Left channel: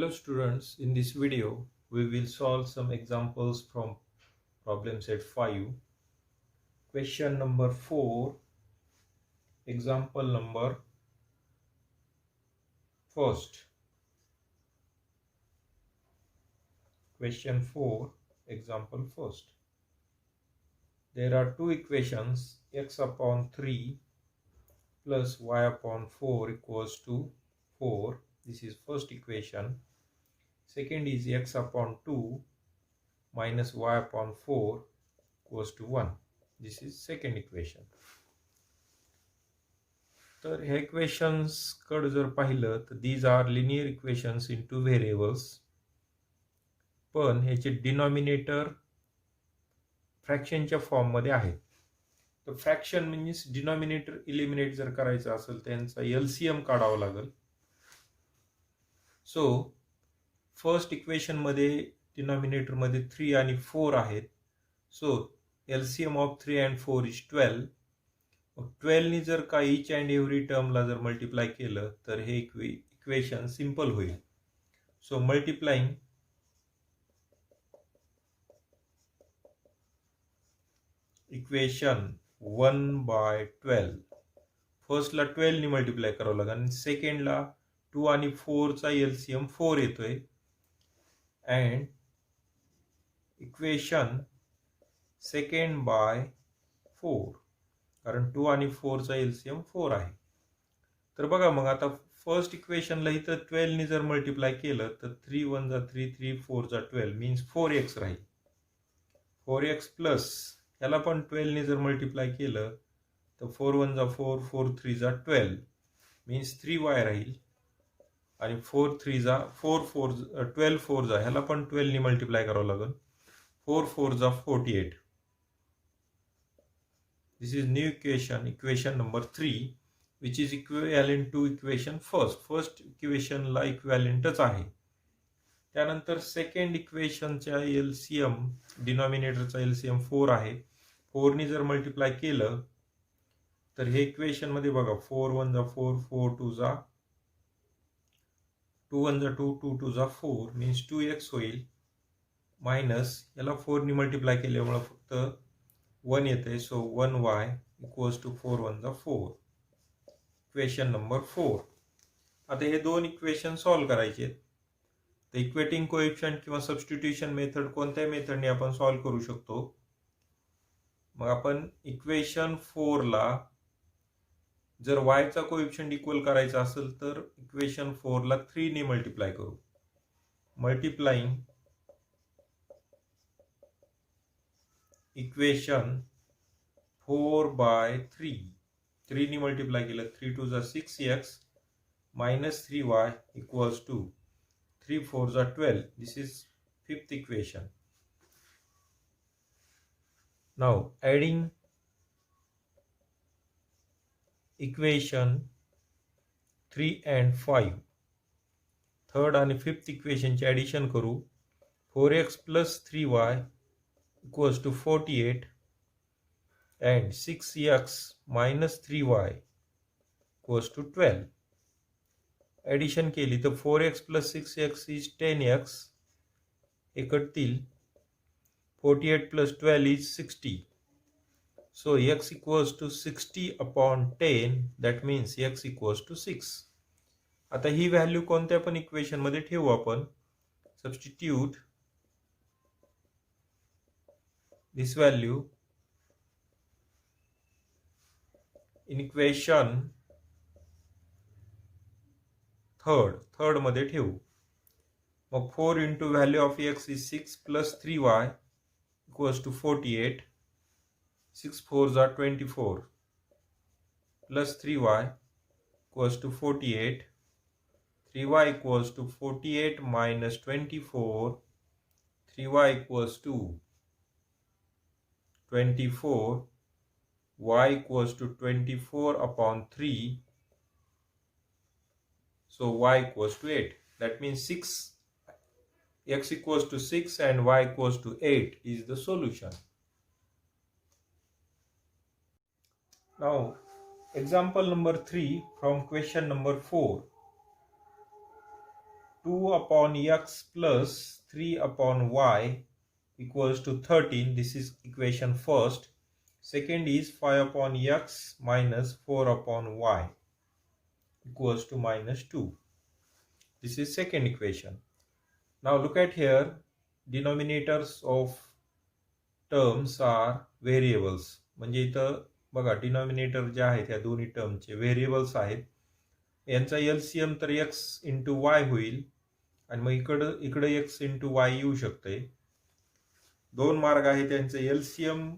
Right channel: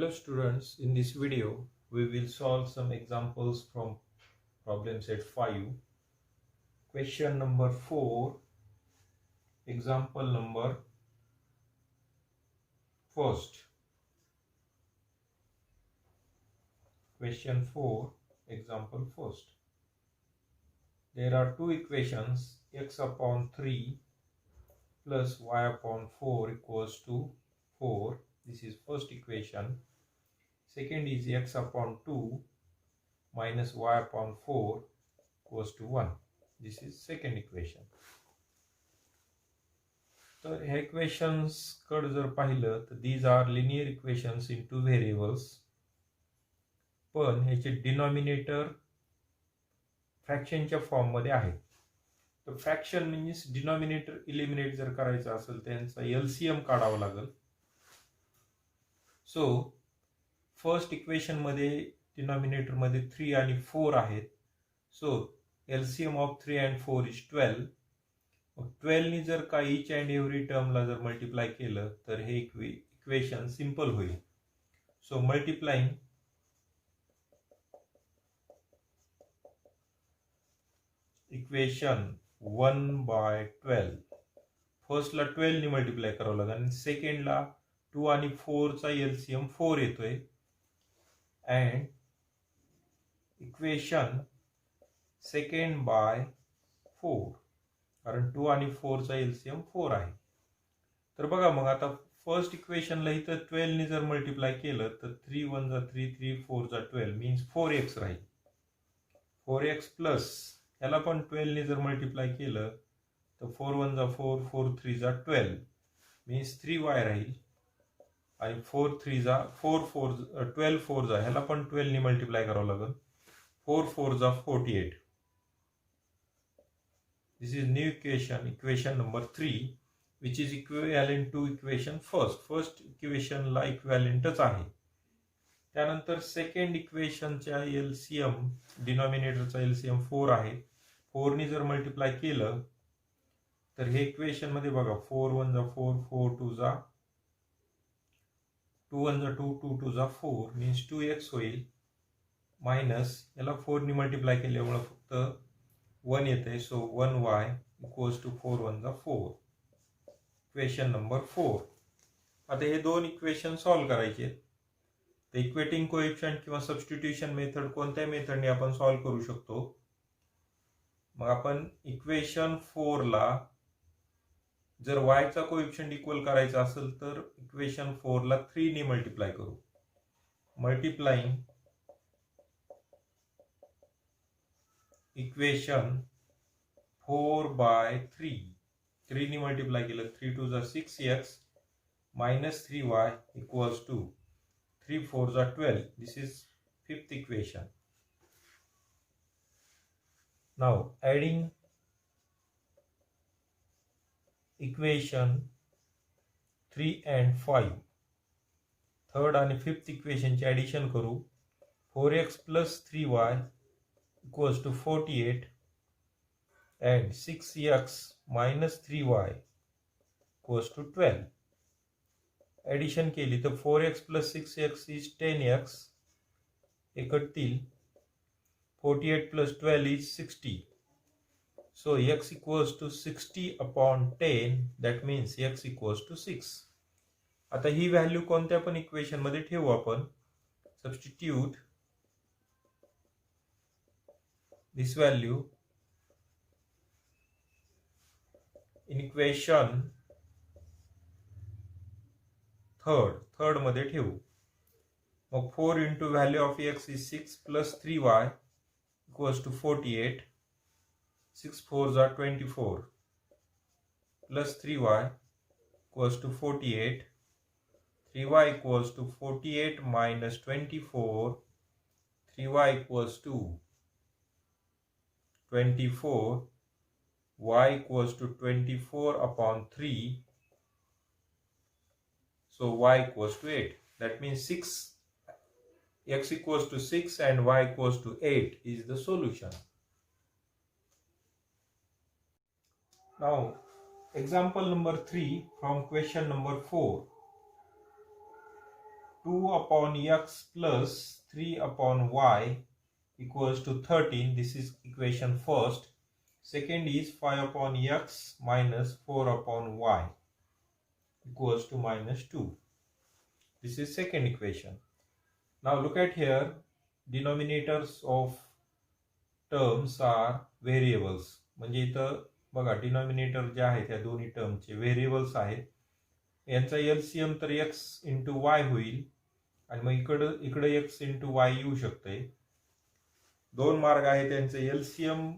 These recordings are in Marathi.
Hello students, in this video we will solve some examples from problem set 5. Question number 4, example number first. Question 4, example first. There are two equations, x upon 3 plus y upon 4 equals to 4. This is first equation. Second is x upon 2 minus y upon 4 equals to 1. This is second equation. तर ह्या इक्वेशन्स कडे जर पाहिलं तर these are linear equations in two variables, पण ह्याचे डिनॉमिनेटर फ्रॅक्शनच्या फॉर्ममध्ये आहे. तर फ्रॅक्शन मीन्स डिनॉमिनेटर इलिमिनेट जर करायचं असेल त्यांचा एलसीएम काढावं लागेल. सो फर्स्ट इक्वेशनमध्ये डिनॉमिनेटरमध्ये 3 आणि 4 आहेत. So LCM of 3 and 4 is 12. 12 नी जर का ईच अँड एव्हरी टर्मला जर मल्टिप्लाय केलं तर हे इक्वेशन सिंपल होईल. सो मल्टिप्लाइंग इक्वेशन 1/12, फर्स्टला 12 नी मल्टिप्लाय करावं लागेल आणि सेकंडला 2 आणि 4 चा एलसीएम 4 येतोय. अँड इक्वेशन सेकंड बाय 4, कारण 2 आणि 4 चा एलसीएम 4 आहे. तर बघा मग आता फर्स्ट इक्वेशनला इथं 12 नी जर मल्टिप्लाय केलं तर 3 1 जा 3, 3 4 जा 12 मीन्स 4x राहील. 4x प्लस याला पण 12 नी जर मल्टिप्लाय केलं तर 4 1 जा 4, 4 3 जा 12 मीन्स 3y राहील. आणि 4 3 जा 4 4 12 4 जा ह्याला पण 12 नी मल्टिप्लाय करावं लागेल. 4 4 जा 48. This is new equation number 3, which is equivalent to equation first. First equation ला इक्विव्हॅलेंटच आहे. त्यानंतर सेकंड इक्वेशनच्या एलसीएम, डिनॉमिनेटरचा एलसीएम 4 आहे. 4 नी जर मल्टिप्लाय केलं तर हे इक्वेशन मध्ये बघा 4 1 जा 4, 4 2 जा 2 1 जा 2, 2 2 जा 4 मीन्स 2x होईल. मायनस याला 4 नी मल्टिप्लाय केल्यामुळे फक्त 1 येते. सो 1y इक्वल्स टू 4 1 जा 4. Equation number 4. आता हे दोन इक्वेशन सॉल्व करायचे. तर इक्वेटिंग कोएफिशिएंट किंवा सबस्टिट्यूशन मेथड कोणत्या मेथडने आपण सॉल्व करू शकतो. मग आपण इक्वेशन 4 ला जर y चा कोएफिशिएंट इक्वल करायचा असेल तर इक्वेशन 4 ला 3 ने मल्टिप्लाय करू. मल्टिप्लाइंग इक्वेशन 4/3, 3 नी मल्टिप्लाय केलं 3 2 जा 6x minus 3y equals to 3 4 जा 12. This is fifth equation. Now adding equation 3 and 5, third आणि फिफ्थ इक्वेशनचे ॲडिशन करू. 4x plus 3y equals to 48 and 6x minus 3y equals to 12. Addition केली तर 4x plus 6x is 10x. एकटतील 48 plus 12 is 60. So x equals to 60 upon 10. That means x equals to 6. आता ही व्हॅल्यू कोणत्या पण इक्वेशन मध्ये ठेवू आपण. Substitute this value in equation third मध्ये ठेवू. मग 4 into value of x is 6 plus 3y equals to 48. 6 4 are 24 plus 3y equals to 48. 3y equals to 48 minus 24. 3y equals to 24. Y equals to 24 upon 3. So y equals to 8. That means 6, x equals to 6 and y equals to 8 is the solution. Now example number 3 from question number 4. 2 upon x plus 3 upon y equals to 13. This is equation first. Second is 5 upon x minus 4 upon y equals to minus 2. This is second equation. Now look at here. Denominators of terms are variables. म्हणजे इथं बघा डिनॉमिनेटर जे आहेत या दोन्ही टर्मचे व्हेरिएबल्स आहेत. यांचा एलसीएम तर x इंटू वाय होईल आणि मग इकडे x इंटू वाय येऊ शकते. दोन मार्ग आहेत यांचे एलसीएम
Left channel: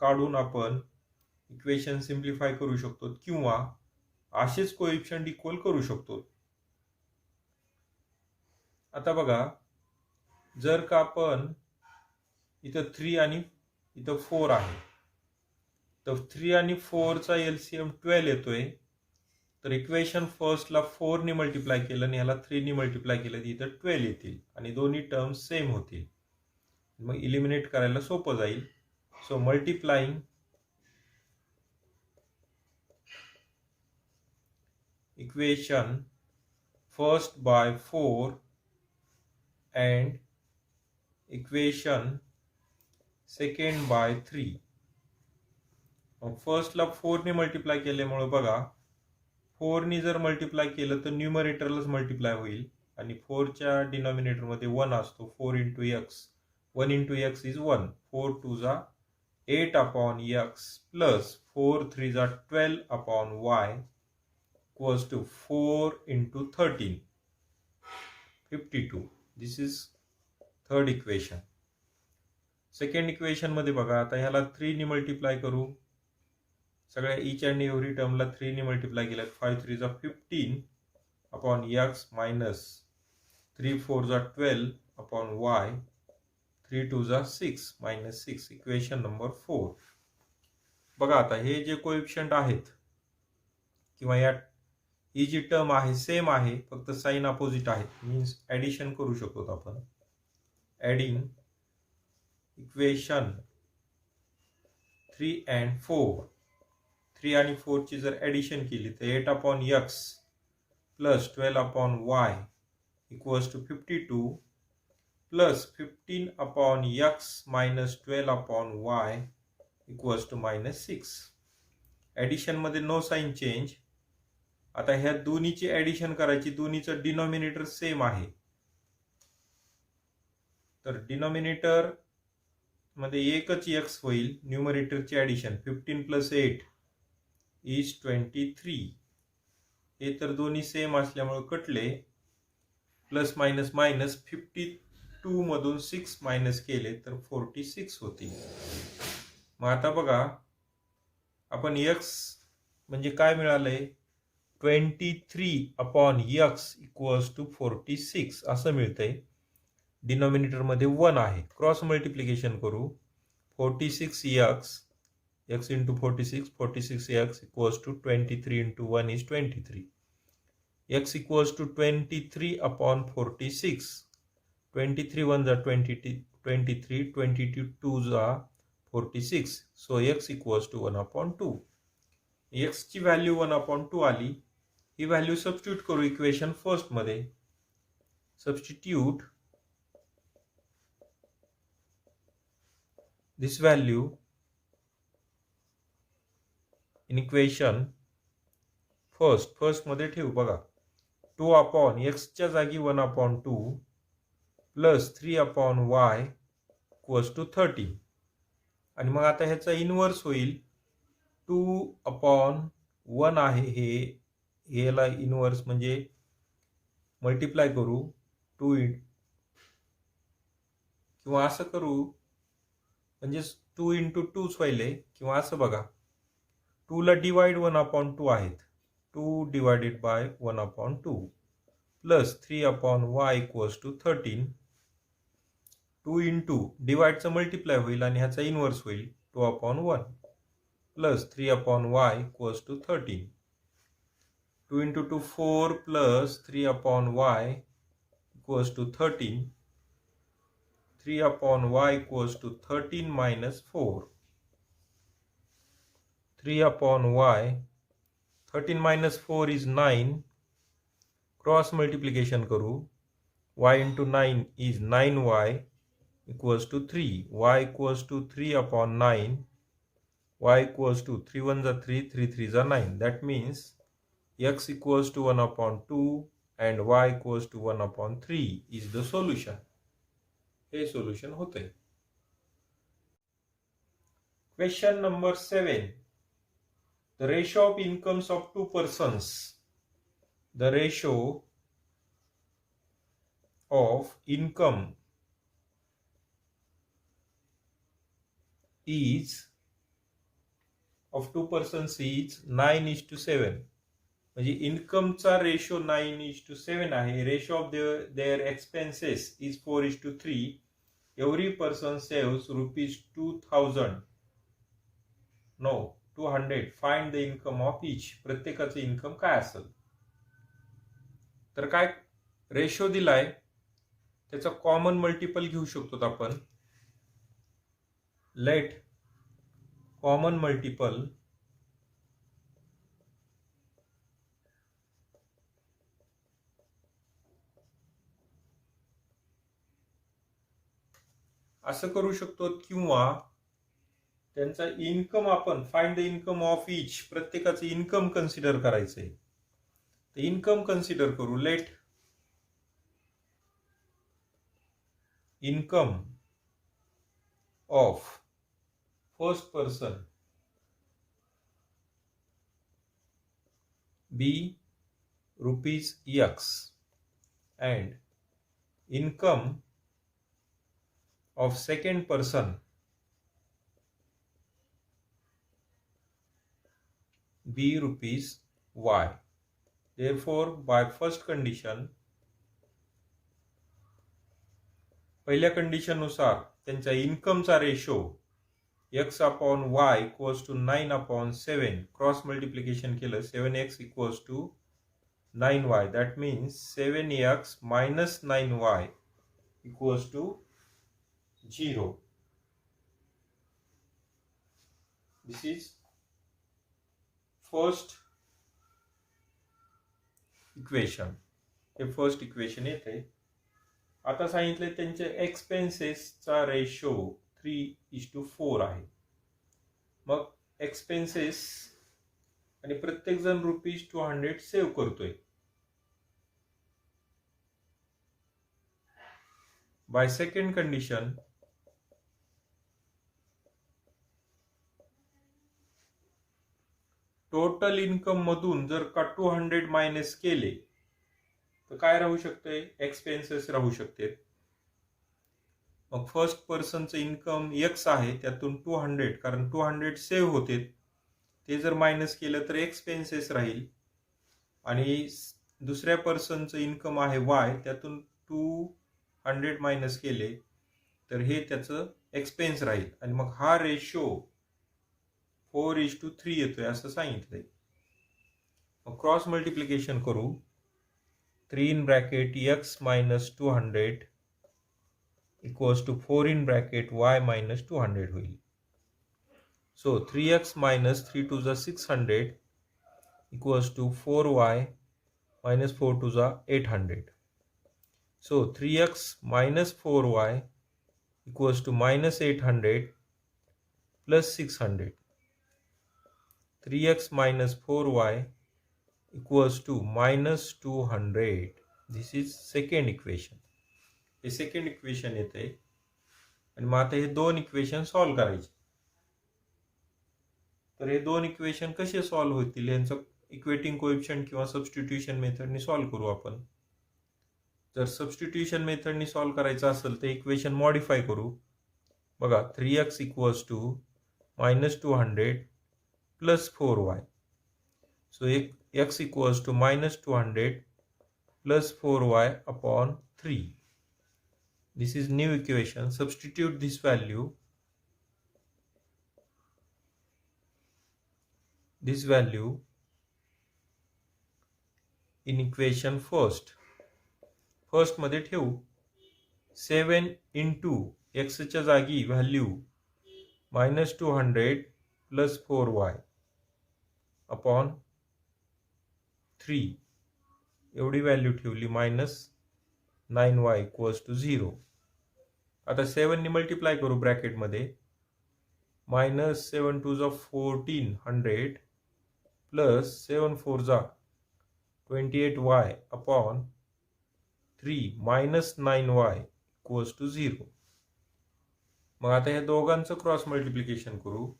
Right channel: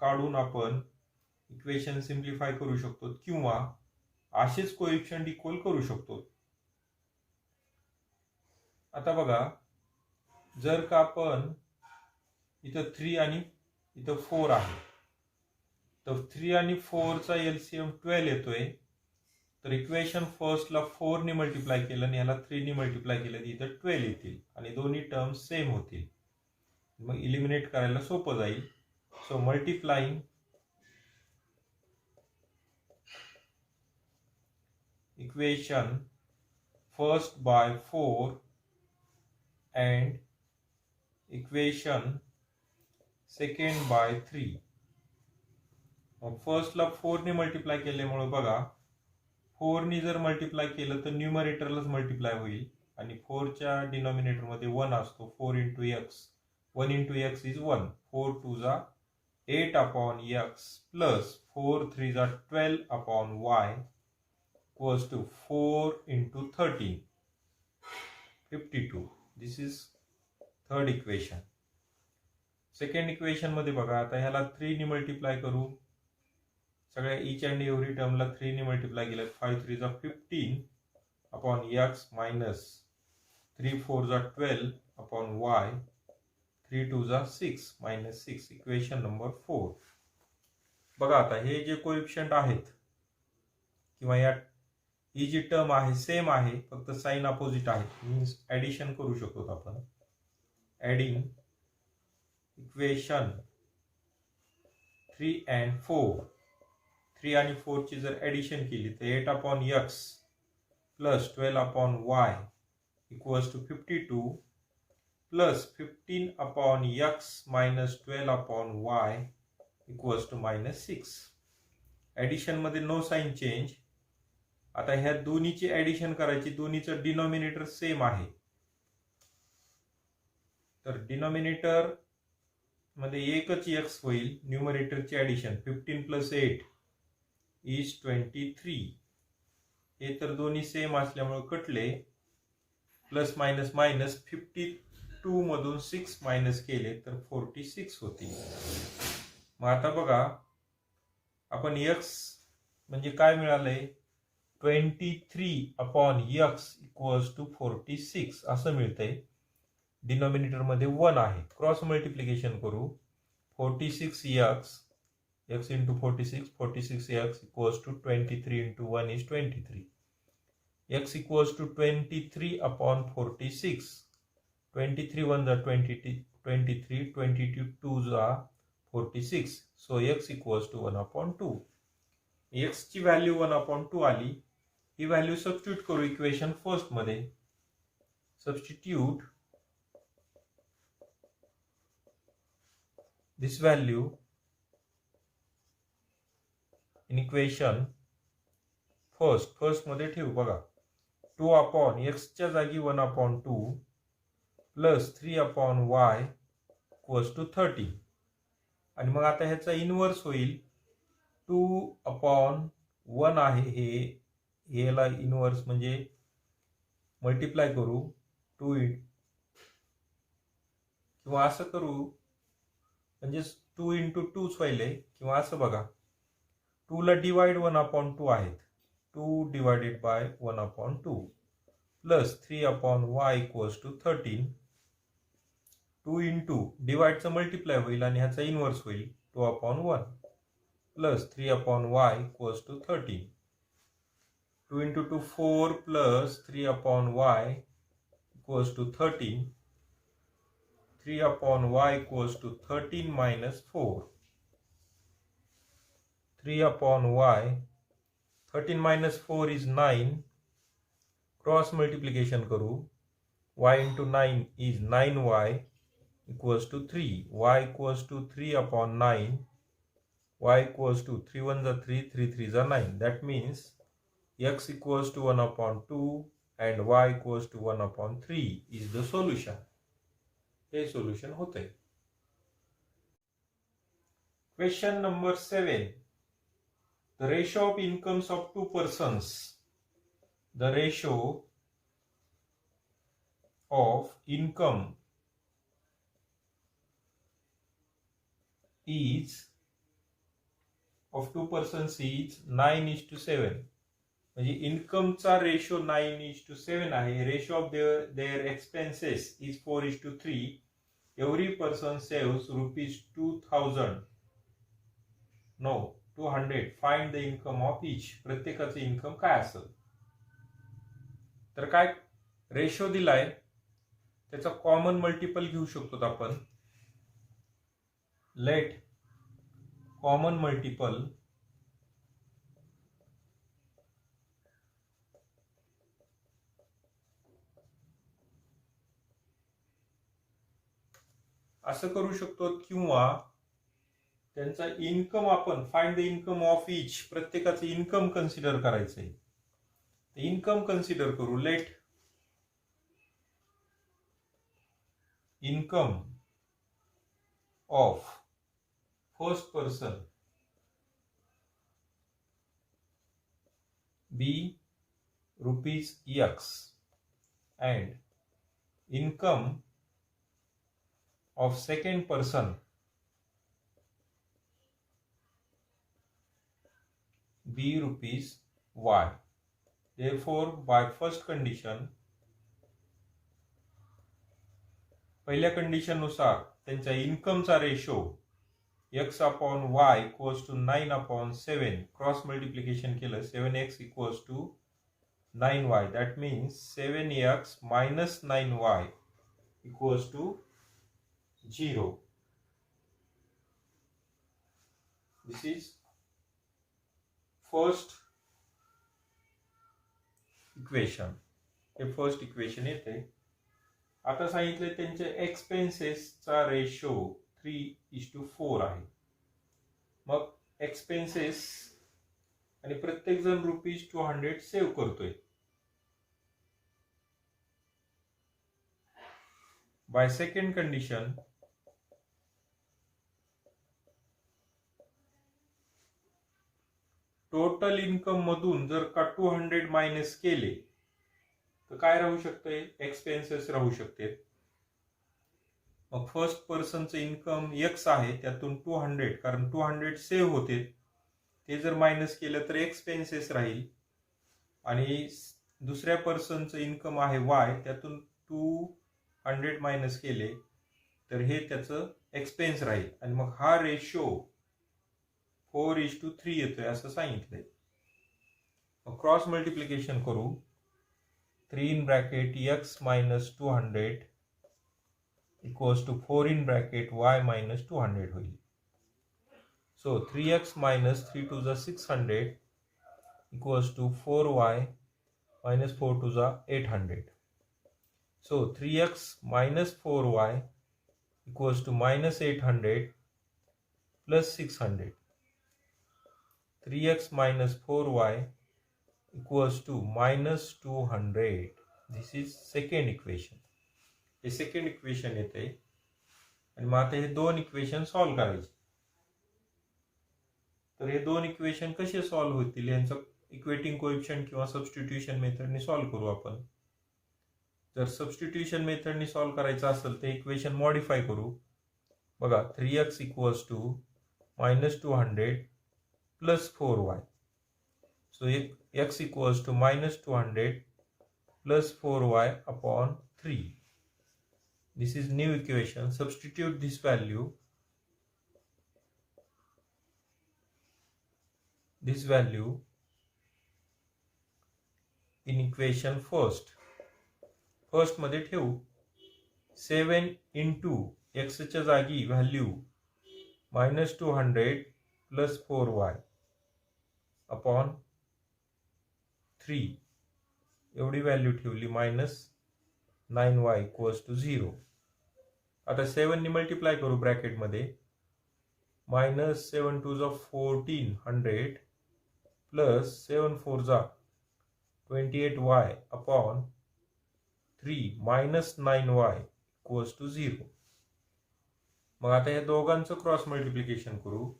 काढून आपण इक्वेशन सिम्प्लिफाय करू शकतो किंवा असेच कोएफिशिएंट इक्वल करू शकतो. आता बघा जर का आपण इथं 3 आणि इथं 4 आहे तर 3 आणि 4 चा एलसीएम 12 येतोय. तर इक्वेशन फर्स्टला 4 ने मल्टिप्लाय केलं आणि याला 3 ने मल्टिप्लाय केलं तर इथं 12 येतील आणि दोन्ही टर्म्स सेम होतील. मग इलिमिनेट करायला सोपं जाईल. So multiplying equation first by 4 and equation second by 3. फर्स्टला 4 ने मल्टिप्लाय केल्यामुळे बघा 4 ने जर मल्टिप्लाय केलं तर न्यूमरेटरलाच मल्टिप्लाय होईल आणि 4 च्या डिनॉमिनेटर मध्ये 1 असतो. 4 into x 1 into x is 1. 4 2 जा 8 अपॉन एक्स प्लस 4 3 जा 12 upon Y equals to 4 into 13 52. This is third equation. Second equation मध्ये बघा आता ह्याला 3 ने मल्टिप्लाय करू. सगळ्या इच अँड एव्हरी टर्मला 3 ने मल्टिप्लाय केलं. 5 3 जा 15 अपॉन एक्स मायनस 3 4 जा 12 अपॉन वाय 3 2 जा 6 मायनस 6. Equation number 4. बघा आता हे जे कोएफिशिएंट आहेत किंवा या ही जी टर्म आहे सेम आहे फक्त साइन अपोजिट आहे मीन्स ऍडिशन करू शकतो आपण. Adding equation 3 and 4. 3 आणि 4 ची जर ऍडिशन केली तर 8 upon X plus 12 upon Y equals to 52 plus 15 upon X minus 12 upon Y equals to minus 6. Addition मध्ये नो साइन चेंज. आता ह्या दोन्हीची ऍडिशन करायची. दोन्हीचं डिनॉमिनेटर सेम आहे तर डिनॉमिनेटर मध्ये एकच एक्स होईल. न्यूमरेटरची ऍडिशन 15 प्लस 8 इज 23. हे तर दोन्ही सेम असल्यामुळे कटले. प्लस मायनस मायनस 52 मधून 6 मायनस केले तर 46 होतील. मग आता बघा आपण एक्स म्हणजे काय मिळालंय 23 अपॉन एक्स इक्वल्स टू 46 असं मिळतंय. डिनॉमिनेटर मध्ये 1 आहे. क्रॉस मल्टिप्लिकेशन करू. 46 x into 46 46 x equals to 23 into 1 is 23. x equals to 23 upon 46. 23 1 जा 23 22 2 जा 46. So x equals to 1 upon 2. x ची व्हॅल्यू 1 अपॉन 2 आली. ही व्हॅल्यू सबस्टिट्यूट करू इक्वेशन फर्स्ट मध्ये. Substitute this value in equation first मध्ये ठेवू. बघा 2 अपॉन x च्या जागी 1 upon 2 plus 3 upon y equals to 30. आणि मग आता ह्याचा इनवर्स होईल. 2 अपॉन 1 आहे हे याला इनवर्स म्हणजे मल्टिप्लाय करू 2 किंवा असं करू म्हणजे 2 इंटू 2 व्हायले किंवा असं बघा 2 ला डिवाइड 1 अपॉन 2 आहेत. 2 divided by 1 upon 2 plus 3 upon y equals to 13. 2 into डिवाइडचं मल्टिप्लाय होईल आणि ह्याचा इनवर्स होईल 2 upon 1 plus 3 upon y equals to 13. 2 into 2 4 plus 3 upon y equals to 13. 3 upon y equals to 13 minus 4. 3 upon y. 13 minus 4 is 9. Cross multiplication करू. y into 9 is 9y equals to 3. Y equals to 3 upon 9. Y equals to 3 1 is 3, 3 3 is 9. That means x equals to 1 upon 2 and y equals to 1 upon 3 is the solution. हे solution होते. Question number 7. The ratio of incomes of two persons. The ratio of income is of two persons is 9:7. म्हणजे इन्कमचा रेशो 9:7 आहे. Ratio of their expenses is 4:3. Every person saves ₹2000. No 200. Find the income of each. प्रत्येकाचं इन्कम काय असेल. तर काय रेशो दिलाय त्याचा कॉमन मल्टिपल घेऊ शकतो आपण. लेट कॉमन मल्टिपल असं करू शकतो किंवा त्यांचा इन्कम आपण find the income of each. प्रत्येकाचं इन्कम कन्सिडर करायचंय. तर इन्कम कन्सिडर करू. Let income of first person be ₹X and income of second person be ₹Y. Therefore, by first condition, पहिल्या कंडिशन नुसार त्यांचा इन्कमचा ratio x upon y equals to 9/7. Cross multiplication केलं 7x equals to 9y. That means 7x minus 9y equals to 0. This is first equation. हे फर्स्ट इक्वेशन येते. आता सांगितले त्यांचे एक्सपेन्सेसचा रेशो 3:4 आहे. मग एक्सपेन्सेस आणि प्रत्येक जण ₹200 सेव्ह करतोय. Bye second condition total income मधून जर का 200 मायनस केले तर काय राहू शकते. एक्सपेन्सेस राहू शकते. मग फर्स्ट पर्सनचं इन्कम x आहे त्यातून 200 कारण 200 सेव्ह होते ते जर मायनस केलं तर एक्सपेन्सेस राहील. आणि दुसऱ्या पर्सनचं इन्कम आहे y त्यातून 200 मायनस केले तर हे त्याचं एक्सपेन्स राहील. आणि मग हा रेशो 4:3 येतोय असं सांगितलंय. मग क्रॉस मल्टिप्लिकेशन करू. 3 in bracket x minus 200 equals to 4 in bracket y minus 200 होईल. So 3x minus 3 to the 600 equals to 4y minus 4 to the 800. So 3x minus 4y equals to minus 800 plus 600. 3x minus 4y equals to minus 200. This is second equation. हे सेकंड इक्वेशन येते. आणि मग आता हे दोन इक्वेशन सॉल्व्ह करायचे. तर हे दोन इक्वेशन कसे सॉल्व्ह होतील यांचं इक्वेटिंग कोएफिशिएंट किंवा सबस्टिट्यूशन मेथडने सॉल्व्ह करू आपण. जर सबस्टिट्यूशन मेथडने सॉल्व्ह करायचं असेल तर इक्वेशन मॉडिफाय करू. बघा 3x equals to minus 200 plus 4y. So x equals to minus 200 plus 4y upon 3. This is new equation. Substitute this value. This value in equation first. First मध्ये ठेवू. 7 into x च्या जागी value minus 200 plus 4y upon 3 एवढी व्हॅल्यू ठेवली. Minus 9y equals to 0. आता 7 ने मल्टिप्लाय करू ब्रॅकेटमध्ये. -7 2 जा 1400 प्लस 7 4 जा 28y upon 3 minus 9y equals to 0. मग आता या दोघांचं क्रॉस मल्टिप्लिकेशन करू.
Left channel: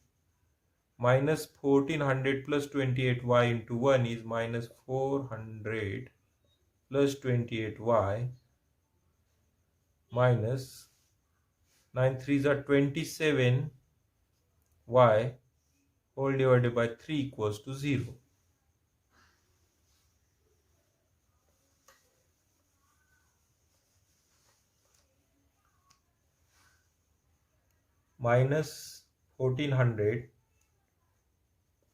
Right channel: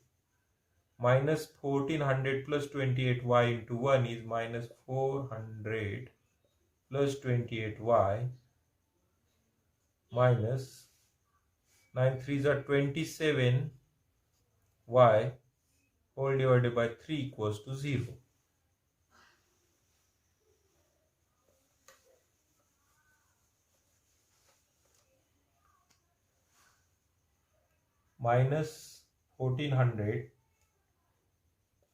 -1400 plus 28y into 1 is -400 plus 28y minus 9 3 जा 27y whole divided by 3 equals to 0. -1400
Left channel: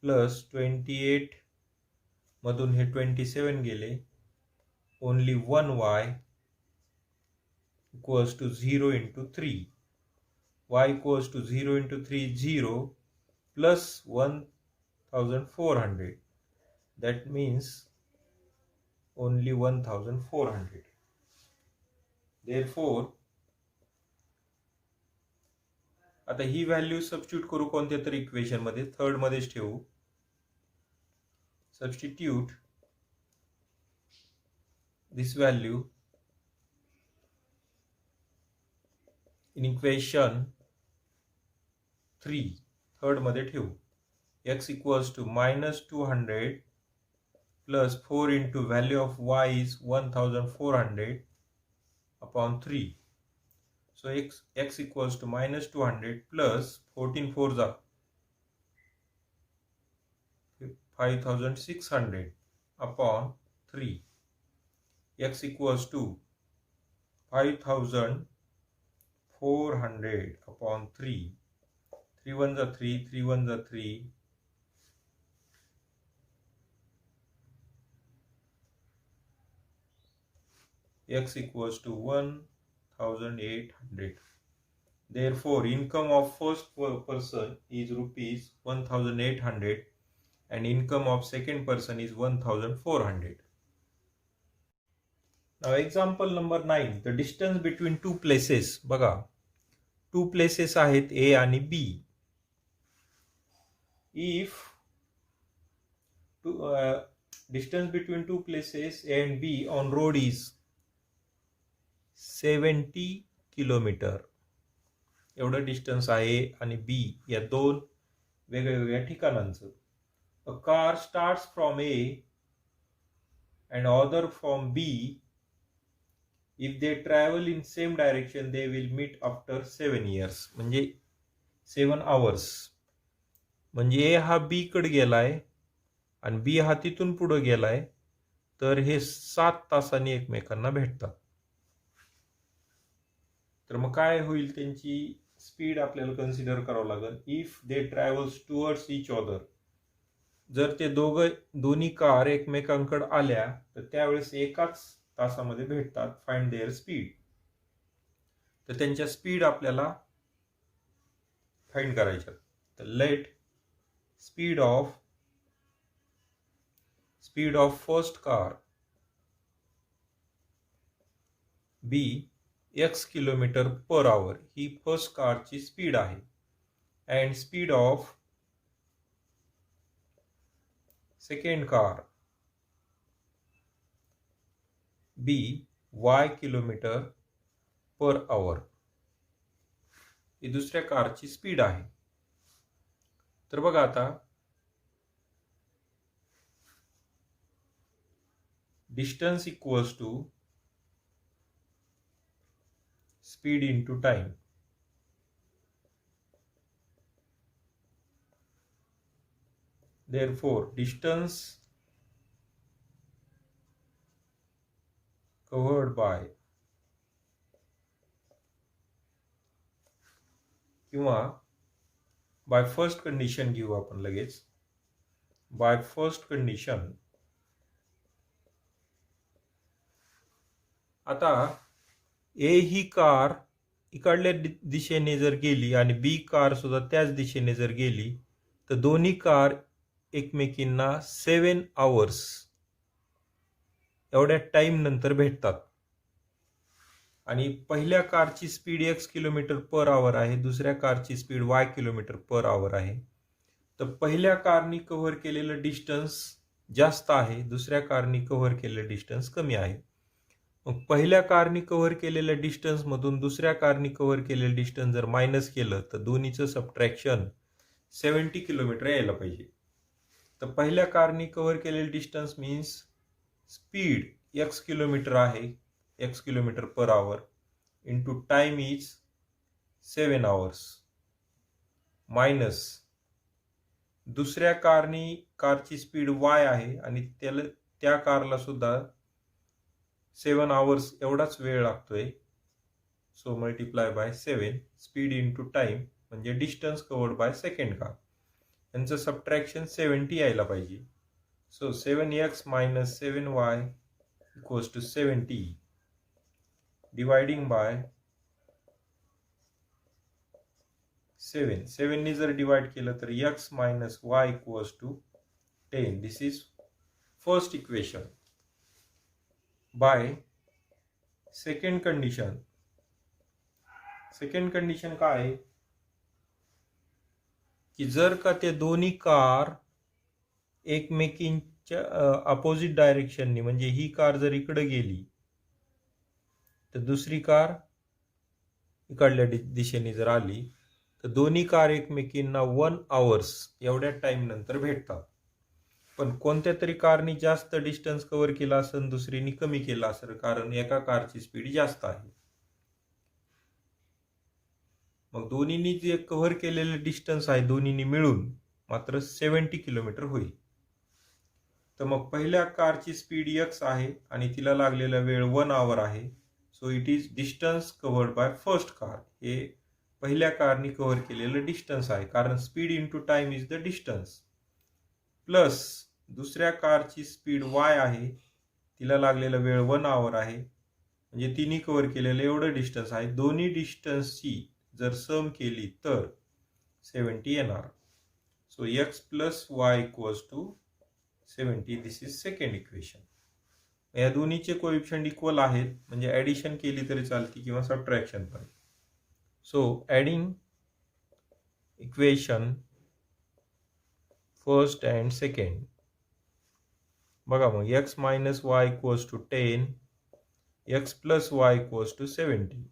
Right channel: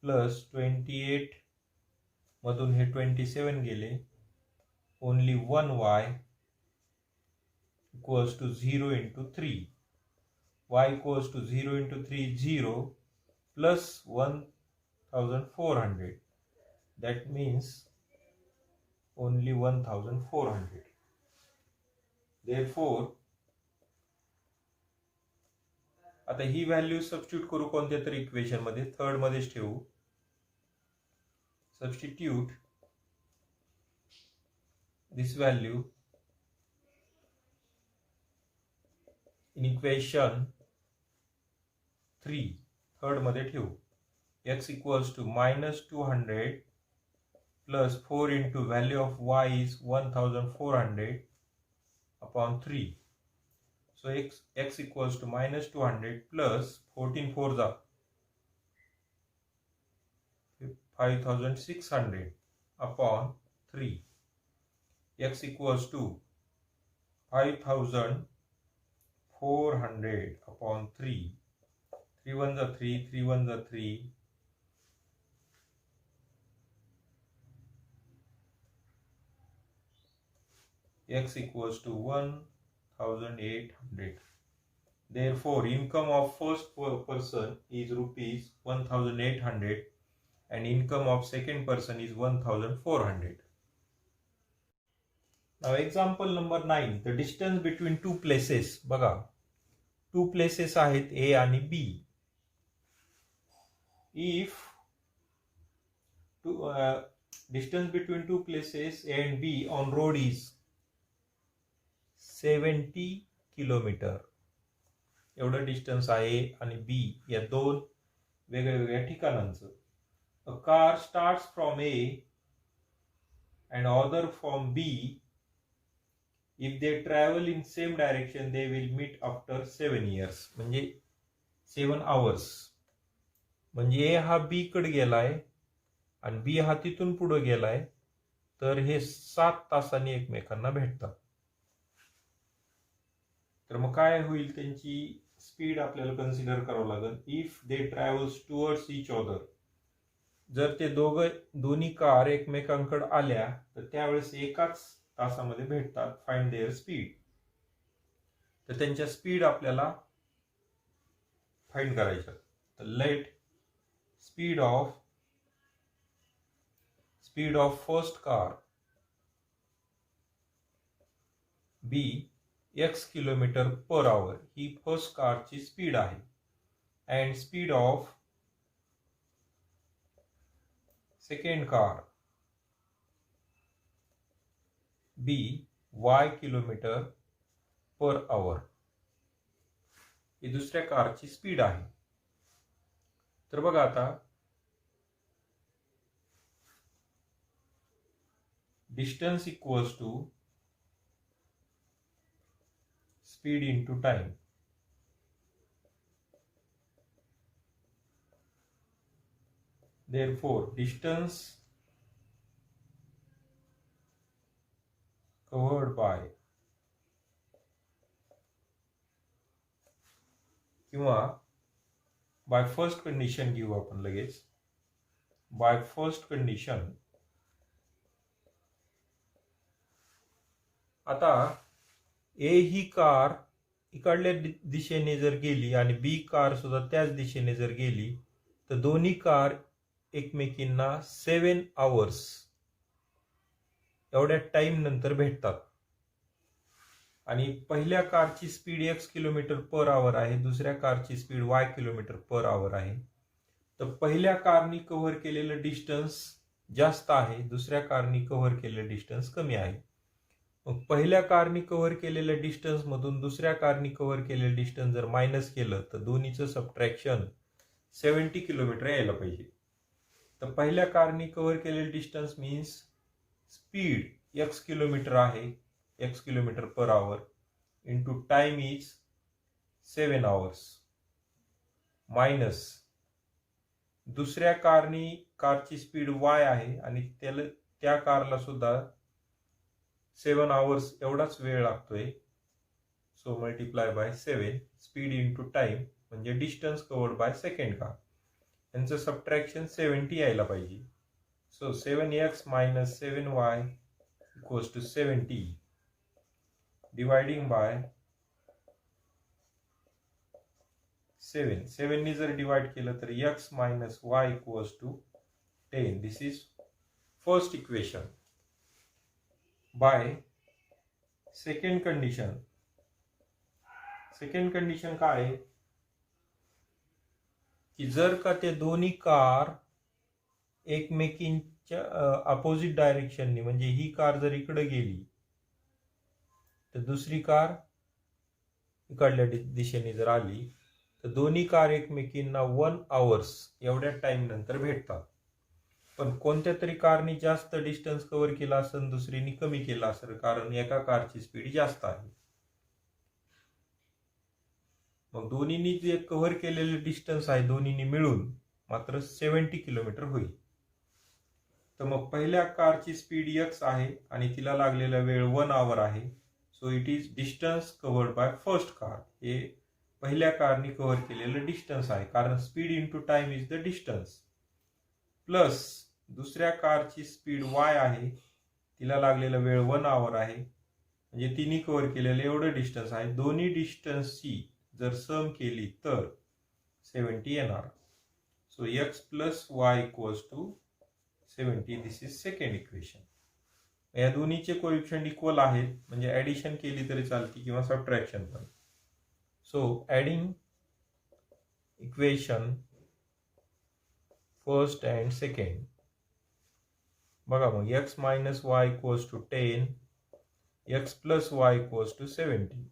plus 28 मधून हे 27 गेले. Only 1y equals to 0 into 3. y equals to 0 into 3 0 plus 1400. That means only 1400. Therefore आता ही व्हॅल्यू सबस्टिट्यूट करू कोणत्या तरी इक्वेशन मध्ये. थर्ड मध्येच ठेवू. Substitute this value in equation 3 third मध्ये ठेवू. x equals to -200 plus 4 into value of y is 1400 upon 3. So x equals to -200 plus 14 4 जा 5600 upon 3. X equals to 5400 upon 3. 3 1 जा 3, 3 1 जा 3. X equals to 1800. Therefore, income of first person is rupees 1800 and income of second person is 1400. Now example number 9. The distance between two places. बघा, two places आहेत A आणि B. If distance between two places A and B on road is 70 kilometre. एवढं डिस्टन्स आहे आणि बी या दोन वेगवेगळ्या ठिकाणांचं. A car starts from A and other from B. If they travel in same direction they will meet after 7 years. म्हणजे 7 hours. म्हणजे ए हा बी कडे गेलाय आणि बी हा तिथून पुढे गेलाय, तर हे 7 तासांनी एकमेकांना भेटतात. तर मग काय होईल, त्यांची स्पीड आपल्याला कन्सिडर करावं लागेल. If they travels towards each other. जर ते दोन्ही कार एकमेकांकडे आल्या तर त्यावेळेस एकाच तासामध्ये भेटतात. Find their speed. तर त्यांच्या स्पीड आपल्याला फाइंड करायच्या. तर let speed of first car be x kilometre per hour ही फर्स्ट कारची स्पीड आहे. And speed of second car be y kilometre per hour ही दुसऱ्या कारची स्पीड आहे. तर बघा आता distance equals to speed into time. Therefore, distance covered by किंवा by first condition घेऊ आपण लगेच. by first condition आता ए ही कार इकडल्या दिशेने जर गेली आणि बी कार सुद्धा त्याच दिशेने जर गेली तर दोन्ही कार एकमेकींना 7 hours एवढ्या टाइम नंतर भेटतात. आणि पहिल्या कारची स्पीड x किलोमीटर पर आवर आहे, दुसऱ्या कारची स्पीड y किलोमीटर पर आवर आहे. तर पहिल्या कारनी कव्हर केलेलं डिस्टन्स जास्त आहे, दुसऱ्या कारनी कव्हर केलेलं डिस्टन्स कमी आहे. मग पहिल्या कारनी कव्हर केलेल्या डिस्टन्स मधून दुसऱ्या कारनी कव्हर केलेलं डिस्टन्स जर मायनस केलं तर दोन्हीचं सबट्रॅक्शन 70 किलोमीटर यायला पाहिजे. तर पहिल्या कारनी कव्हर केलेलं distance means speed x kilometre आहे, x kilometre per our into time is 7 hours minus दुसऱ्या कारची स्पीड y आहे आणि त्या कारला सुद्धा 7 आवर्स एवढाच वेळ लागतोय. So multiply by 7 speed into time म्हणजे distance covered by second car, यांचं सबट्रॅक्शन 70 यायला पाहिजे. So 7x minus 7y equals to 70 dividing by 7 ने जर डिवाइड केलं तर x minus y equals to 10. This is first equation. By second condition. Second condition काय आहे की जर का ते दोन्ही कार एकमेकींच्या अपोजिट डायरेक्शननी, म्हणजे ही कार जर इकडे गेली तर दुसरी कार इकडल्या दिशेने जर आली तर दोन्ही कार एकमेकींना 1 आवर्स एवढ्या टाइम नंतर भेटतात. पण कोणत्या तरी कारनी जास्त डिस्टन्स कव्हर केला असेल, दुसरीनी कमी केला असेल, कारण एका कारची स्पीड जास्त आहे. मग दोन्हीनी जे कव्हर केलेले डिस्टन्स आहे दोन्हीनी मिळून मात्र 70 किलोमीटर होईल. तर मग पहिल्या कारची स्पीड x आहे आणि तिला लागलेला वेळ 1 आवर आहे. So it is distance covered by first car. हे पहिल्या कारनी कव्हर केलेलं डिस्टन्स आहे, कारण speed into time is the distance. Plus दुसऱ्या कारची स्पीड y आहे, तिला लागलेला वेळ 1 आवर आहे, म्हणजे तिने कव्हर केलेलं एवढं डिस्टन्स आहे. दोन्ही डिस्टन्सची जर सम केली तर 70 येणार. So x plus y equals to 70. This is second equation. या दोन्हीचे कोएफिशिएंट इक्वल आहेत, म्हणजे ऍडिशन केली तरी चालते किंवा सबट्रॅक्शन पण. So adding equation first and second. बघा मग x minus y equals to 10, x plus y equals to 70.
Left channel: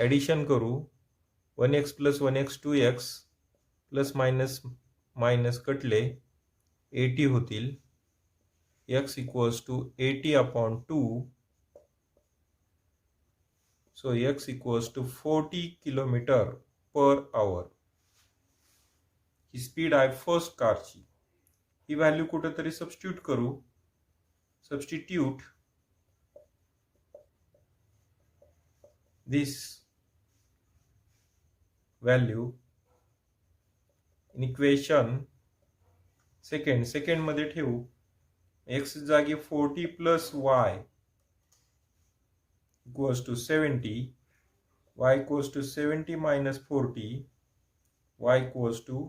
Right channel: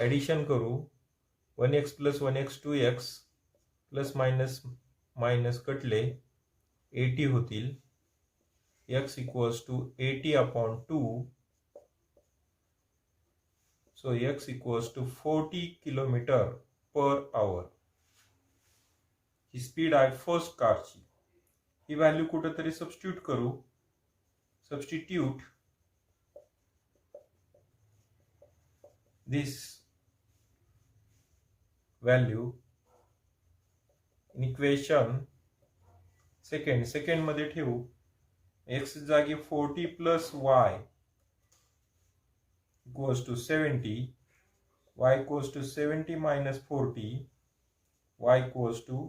Addition करू. 1x plus 1x 2x plus minus minus कटले 80 होतील. x equals to 80 upon 2. So x equals to 40 kilometre per hour. ही स्पीड आहे फर्स्ट कारची. ही व्हॅल्यू कुठेतरी सबस्टिट्यूट करू. Substitute this value in equation second मध्ये ठेवू. x जागी 40 plus y equals to 70, y equals to 70 minus 40, y equals to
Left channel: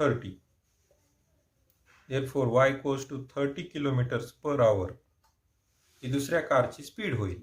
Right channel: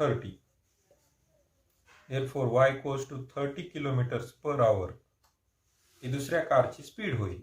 30. Therefore y equals to 30 kilometres per hour ही दुसऱ्या कारची स्पीड होईल.